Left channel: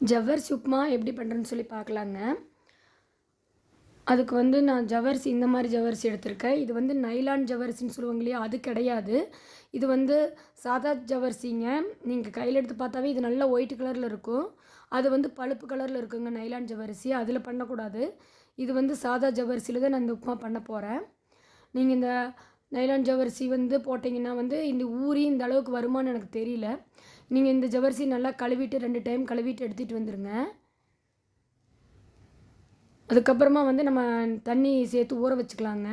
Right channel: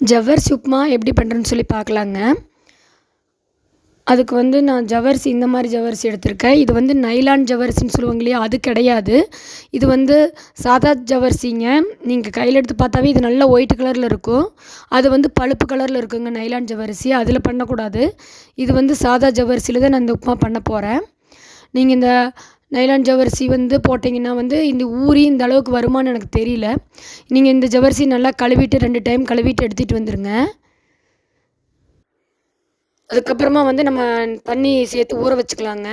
ஜவ்வரிசி உப்புமா எப்படி பண்ணுறேன்னு சொல்லி பார்க்கலாங்க. அதுக்கு வந்து நான் ஜவ்வரிசி இந்த மாதிரி ஜவ்வரிசி எடுத்திருக்கேன். இது வந்து நைலான் ஜவ்வரிசின்னு சொல்லுவாங்க இல்லையா, அது கிடையாது. இது வந்து சாதா ஜவ்வரிசிங்க. நீங்கள் கையில் எடுத்து பார்த்தாவே இது நல்லா ஒயிட் கலரில் இருக்கும். அது வந்து பழுப்பு கலரில் இருக்குங்க நைலான் ஜவ்வரிசி. அதில் பண்ணக்கூடாது. இது வந்து சாதா ஜவ்வரிசியில் தான் நான் இந்த உப்புமா பண்ண போகிறேன். நீங்கள் இந்த நைலான் ஜவ்வரிசி வந்து போட்டிங்கன்னா வந்து இந்த ஊறி இந்த அளவுக்கு வருமானு எனக்கு தெரியல. நீங்கள் இந்த ஜவ்வரிசி நல்லா கழுவிட்டு 2 டைம் கழுவிட்டு எடுத்துகிட்டு வந்துடுங்க. அதுக்கப்புறமா வந்து நம்ம தண்ணி சேர்த்து ஊற வச்சுக்கலாங்க.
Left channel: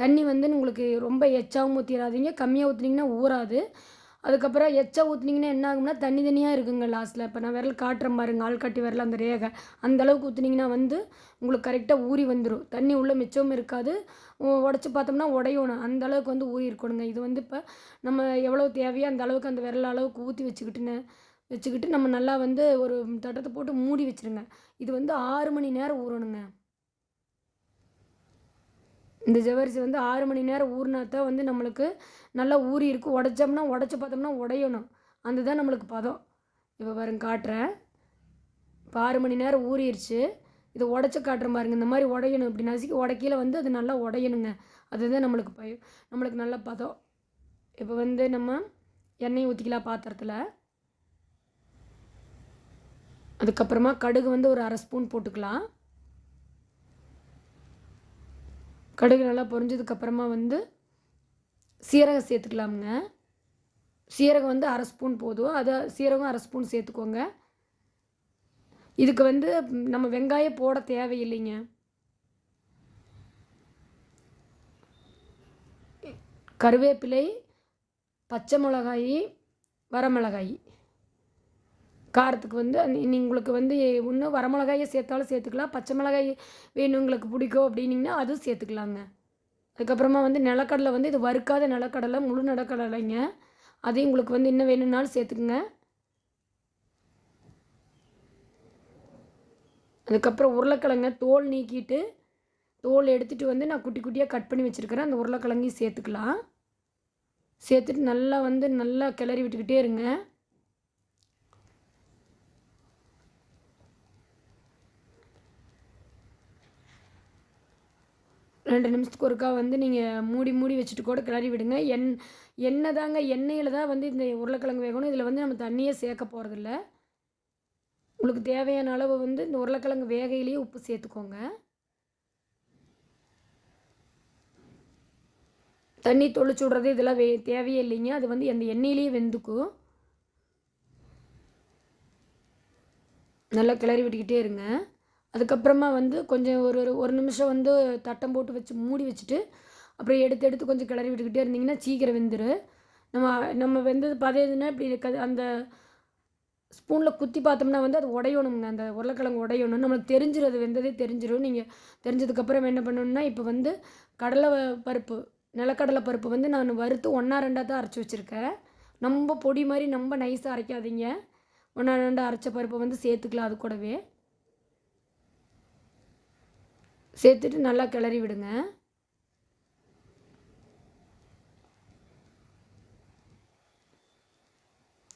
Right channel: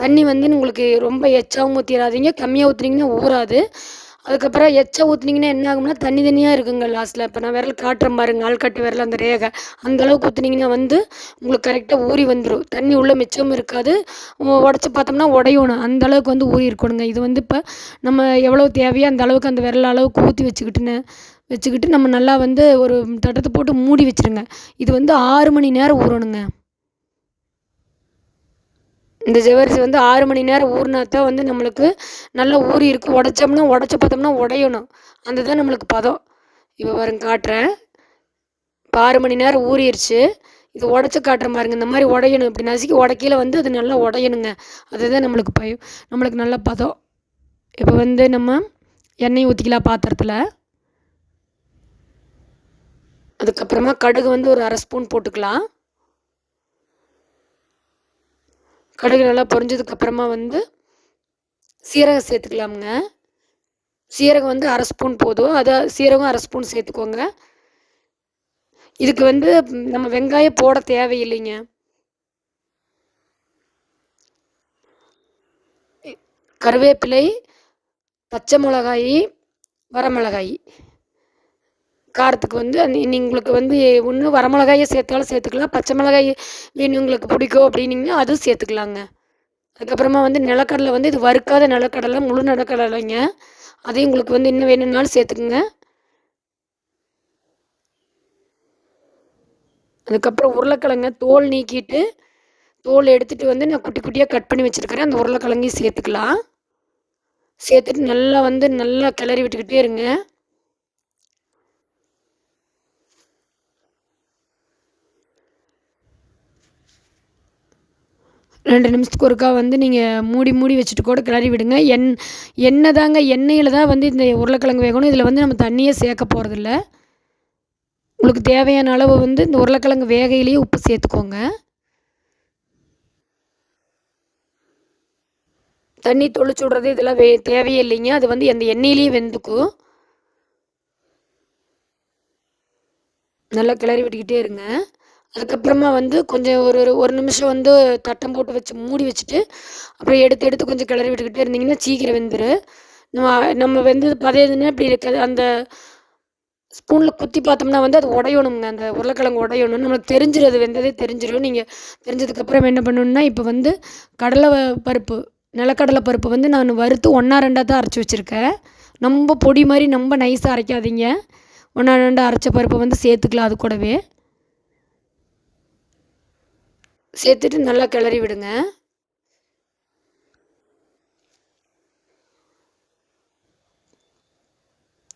தண்ணி வந்து உங்களுக்கு ரொம்ப எச்சாவும் ஊற்றிடாதீங்க, கம்மியாக ஊற்றுனீங்கன்னா ஊறாது. அதுக்கப்புறம் எச்சா ஊற்றுனீங்கன்னா என்ன ஆகும்னா தண்ணி தண்ணியாக இருக்குங்க லாஸ்ட்டில். இப்போ நான் விரல் காட்டுறேன் பாருங்க, ஆள்காட்டி விரல் அந்த ரேகை அந்த அளவுக்கு ஊற்றுனீங்கன்னா வந்து உங்களுக்கு கரெக்டாக ஊறி வந்துடும். தண்ணி உள்ளே மிச்சமும் இருக்காது. உடச்சி பார்த்தோம்னா உடையணும், அந்த அளவுக்கு வந்து ஊறி இருக்கணுங்க. இது வந்து இப்போ நம்ம எவ்வளோ தேவையோ அந்த அளவுக்கு அந்த விரல் அளவுக்கு ஊற்றி வச்சுக்கிட்டு நம்ம நல்லா வந்து ஒரு தட்டத்தை போட்டு மூடி வச்சுருங்க. இது வந்து 6 மணி நேரம் ஊறணுங்க. இந்த ஜவ்வரிசி வந்து 6 மணி நேரம் ஊறினா தான் வந்து நம்மளுக்கு நல்லா ஊறி இருக்கும். உடச்சி பார்த்தோம்னா உடையணும். அந்த தான் நம்மளுக்கு பதம். இப்போ பாருங்க காட்டுறேன். இப்போ 6 மணி நேரம் ஊறிடுச்சு. இது உடச்சி காட்டுறேன் பாருங்க. இந்த மாதிரி உடையணும். இப்படி நசுக்கி உடைக்கையில் வந்து அது நல்லா உடையணுங்க. அதுதான் நம்மளுக்கு நல்ல பதம். இப்போ வந்து நம்ம எண்ணெய் ஊற்றிக்கலாம் பாத்திரத்தில். அதுக்கப்புறமா கடுகு வந்து ஒரு 1/2 ஸ்பூன் போட்டுக்கலாம். கடுகு நல்லா பொரிஞ்சதுக்கப்புறமா வந்து சீரகம் சேர்த்துக்கலாமுங்க. சீரகம் வந்து 1/2 ஸ்பூன் போதும். சீரகம் 1/2 ஸ்பூன் சேர்த்துக்கோங்க. இதுக்கு வந்து நம்ம வெங்காயம் போட தேவையில்லைங்க. கருவேப்பிலை, பச்சை மிளகாய், வரமிளகாய் காரத்துக்கு வந்து உங்களுக்கு வந்து ஒன்று வரமிளகாயை சேர்த்தாலும் சேர்த்துக்கலாம். பச்சை மிளகாய் வேணும் உங்களுக்கு பிடிக்கும் அப்படின்னிங்கன்னா அதுவும் சேர்த்துக்கலாங்க. அதுக்கப்புறமா வந்து நிலக்கடலை வந்து இது வறுக்காத நிலக்கடலை, முழு நிலக்கடலைங்க. அதையும் உங்களுக்கு வந்து இன்னும் வேணும்னாலும் சேர்த்துக்குங்க. அதுக்கப்புறம் உருளைக்கிழங்க தோல் நீக்கிட்டு தோல் எடுத்துகிட்டு வந்து நான் குட்டி குட்டியாக கட் பண்ணி வச்சுருக்கிறேன். அந்த உருளைக்கிழங்கையும் சேர்த்துக்கலாம். சேர்த்துட்டு நல்லா கிளறி விட்டுக்கிட்டே இருங்க. ரெண்டு நிமிஷத்துக்கு ஒருக்கா வந்து நீங்கள் மூடி வச்சுட்டு கூட கிளறி விடுங்க. எண்ணெயில் தான் வந்து இந்த உருளைக்கிழங்கு வேகணும். இதில் வந்து நம்ம தண்ணியே சேர்க்க போகிறதில்ல. உங்களுக்கு தேவையான அளவு வந்து இந்த உருளைக்கிழங்கு வேகையிலேயே உப்பு சேர்த்துக்கோங்க. தண்ணி தொளிச்சு விட்றது இதெல்லாம் தேவையே இல்லைங்க. அது வந்து அந்த எண்ணெயிலேயே வெந்துக்கும். நல்லா கிளறி விட்டுக்கிட்டே இருங்க. அதுக்கப்புறமா வந்து கொஞ்சம் ஒரு நிமிஷம் வந்து தட்டம் போட்டு வச்சு மூடி வச்சுட்டு அப்புறம் எடுத்து கொஞ்சம் கிளறி விட்டுக்கிட்டே இருந்தீங்கன்னா சீக்கிரம் வெந்துடும். நம்ம வெந்தது பதையதுன்னா இப்படி இருக்காது. அந்த ஸ்பூனில் குத்தி பார்த்தோம்னா வந்து அது உடையணுங்க. அந்த உருளைக்கிழங்கு உடையணும். நம்மளுக்கு தெரிஞ்சிடும், அது வெந்ததே தெரிஞ்சிடும். நீங்கள் தெரிஞ்சதுக்கப்புறம் என்ன பண்ணணுன்னா இப்போ வந்து நிலக்கடலை பருப்பு வந்து நான் வறுத்து 1 2 தான் அரைச்சி வச்சுருக்கேன். ரொம்ப பொடி மாதிரி ரொம்ப நைஸாக அரைக்காதீங்க. 1 2 அரைச்ச பருப்பை வந்து சேர்த்துக்கலாம். அது கூடவே சேர்த்துட்டு நல்லா கிளறி விடுங்க.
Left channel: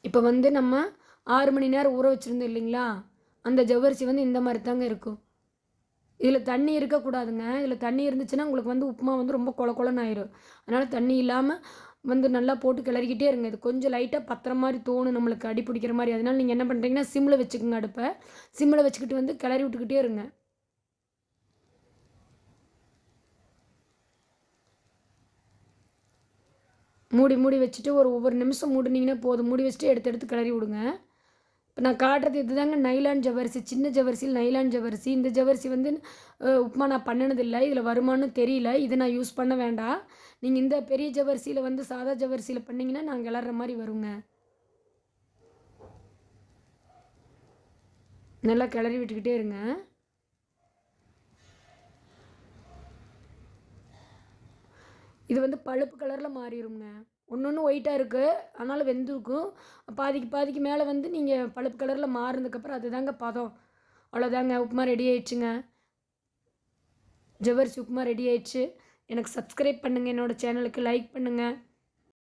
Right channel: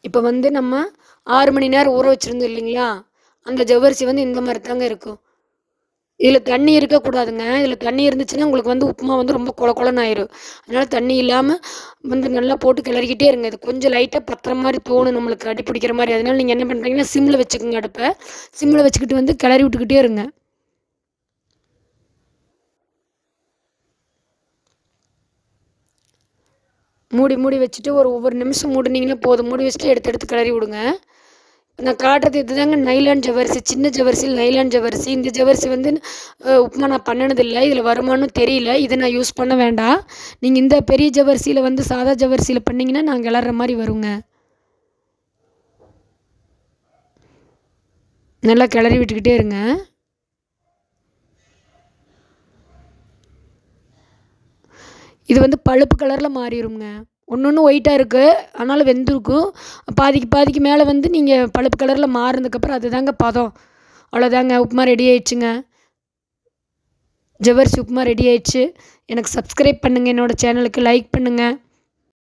இப்போ வந்து நம்ம 6 மணி நேரம் ஊற வச்சுருந்தோம் இல்லைங்களா, அந்த ஜவ்வரிசி வந்து இந்த மாதிரி தாங்க இருக்கும். இதில் தண்ணி இருக்கக்கூடாதுங்க. இதில் தண்ணி இருந்துச்சுன்னா உங்களுக்கு வந்து உப்புமா வந்து ரொம்ப கொல கொலன்னு ஆயிரும். அதனால் தண்ணி இல்லாமல் வந்து நல்லா போட்டு கிளறிக்கிட்டே இருங்க. இது கொஞ்சம் லைட்டாக பத்துற மாதிரி தோணும் நம்மளுக்கு, அடி பிடிக்கிற மாதிரி. அதனால் நீங்கள் என்ன பண்ணுறீங்கன்னா சிம்மில் வச்சுக்கோங்க அடுப்பை. சிம்மில் வச்சுக்கிட்டு வந்து கிளறி விட்டுக்கிட்டே இருங்க. மூடி வச்சுட்டு ஒவ்வொரு நிமிஷம் மூடினீங்கன்னா போதும். மூடி வச்சுட்டு எடுத்து கிளறி விடுங்க. இப்போ நான் காட்டுறது இதுதாங்க நைலான் ஜவ்வரிசி. சின்ன ஜவ்வரிசியில் நைலான் ஜவ்வரிசி. இந்த ஜவ்வரிசி வந்து உப்புமா நான் பண்ணினதில்லை. இதில் வருமானு தெரியல. இதை நான் யூஸ் பண்ண வேண்டாம். நீங்கள் இந்த பெரிய ஜவ்வரிசியில் வந்து சாதா ஜவ்வரிசியில் பண்ணிங்கன்னா நான் கிளற மாதிரி வருங்க. நல்லா கிளறி விட்டுக்கிட்டே இருங்க. இது வந்து பழுப்பு கலரில் மாறிடுங்க. ஒன்று ஒயிட்டாக இருக்குது, அதனால் வெந்திருக்கும். பாதிக்கு மேலே வந்து நீங்கள் பழுப்பு கலரில் மாறினதுக்கப்புறம் அதுதாங்க பதம். அவ்வளோதாங்க, உப்புமா ரெடி ஆயிடுச்சுங்க. ஜவ்வரிசி உப்புமா ரெடி ஆயிடுச்சு. எனக்கு சப்ஸ்கிரைப் பண்ணுங்கள். என்னோடய சேனலுக்கு லைக் பண்ணுங்கள்.